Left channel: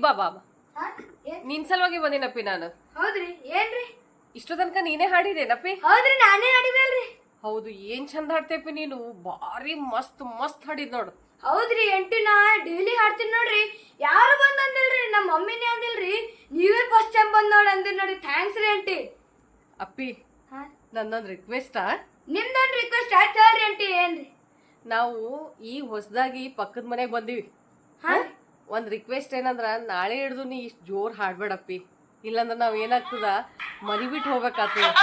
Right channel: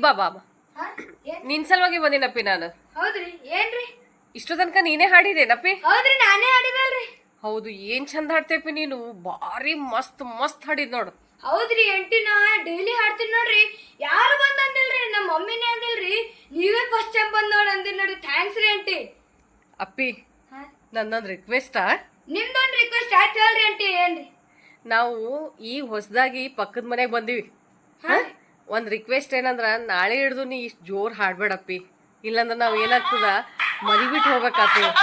ಬಾ ಬಾ ಬಾ ಹಾ? ಏನ್- ನಿನ್ ಸಲುವಾಗಿ ಬಂದಿನಪ್ಪಿ ನಾನು. ಹೌದ್ರಿ ಏನ್ರಿ? ಇಷ್ಟು ತನಕ ನೀನೇ ಹಾಡಿದೇನಪ್ಪಿ? ಹೌದ್ರಿ ನಾನೇ ಆಡಿದಲ್ರಿ. ಹೌದು, ಏನ್ ಚಂದ ಹಾಡ್ತೇಪಿ ನೀನು. ಭಾರಿ ಮಸ್ತ್ ಮಸ್ತ್ ಹಾಡಿದ್ ನೋಡು. ಹೌದ್ರಿ ಎಂಟಿ ನಾ ಡೈಲಿ ಹಾಡ್ತೀನಿ ನೋಡ್ರಿ. ಯಾರು ಬಂದ್ ಅಂದಿಲ್ರಿ, ನಮ್ಮ ಮಮ್ಮಿನೇ ಅಂದಿಲ್ರಿ. ನೀವೇ ಫಸ್ಟ್ ಟೈಮ್ ಬಂದ್ ನೋಡಿ ಅಂದಿಲ್ ನೋಡಿ. ಥ್ಯಾಂಕ್ಸ್ ರೀ ಎಂಟಿ. ಅಪ್ಪಿ, ಹಾ? ನನ್ನೊಂದು ರಿಕ್ವೆಸ್ಟಾ? ನಿಮ್ದೊಂದು ರಿಕ್ವೆಸ್ಟ್ ಆಯ್ತು ಹೇಳ್ರಿ ಎಂಟಿ. ಏನ್ರಿ? ನಾವು ಈ ಹೊಸದಾಗಿ ಪಕ್ಕದ ಮನೆಗೆ ಬಂದಿವಿ. ಹಾ? ಒಂದ್ ರಿಕ್ವೆಸ್ಟ್ ಏನಂದ್ರ, ನಾಳೆ ಹಿಡ್ದು ನೀ ಇಷ್ಟು ಜೋರ್ ಹಾಡ್ಬೇಡಪ್ಪಿ. ಇಲ್ಲಂದ್ರ ನಾವ್ ಏನಾಗ್ತದ ಮನಿ ಬಿಟ್ಟು ಹೋಗ್ಬೇಕಾಗ್ತದ.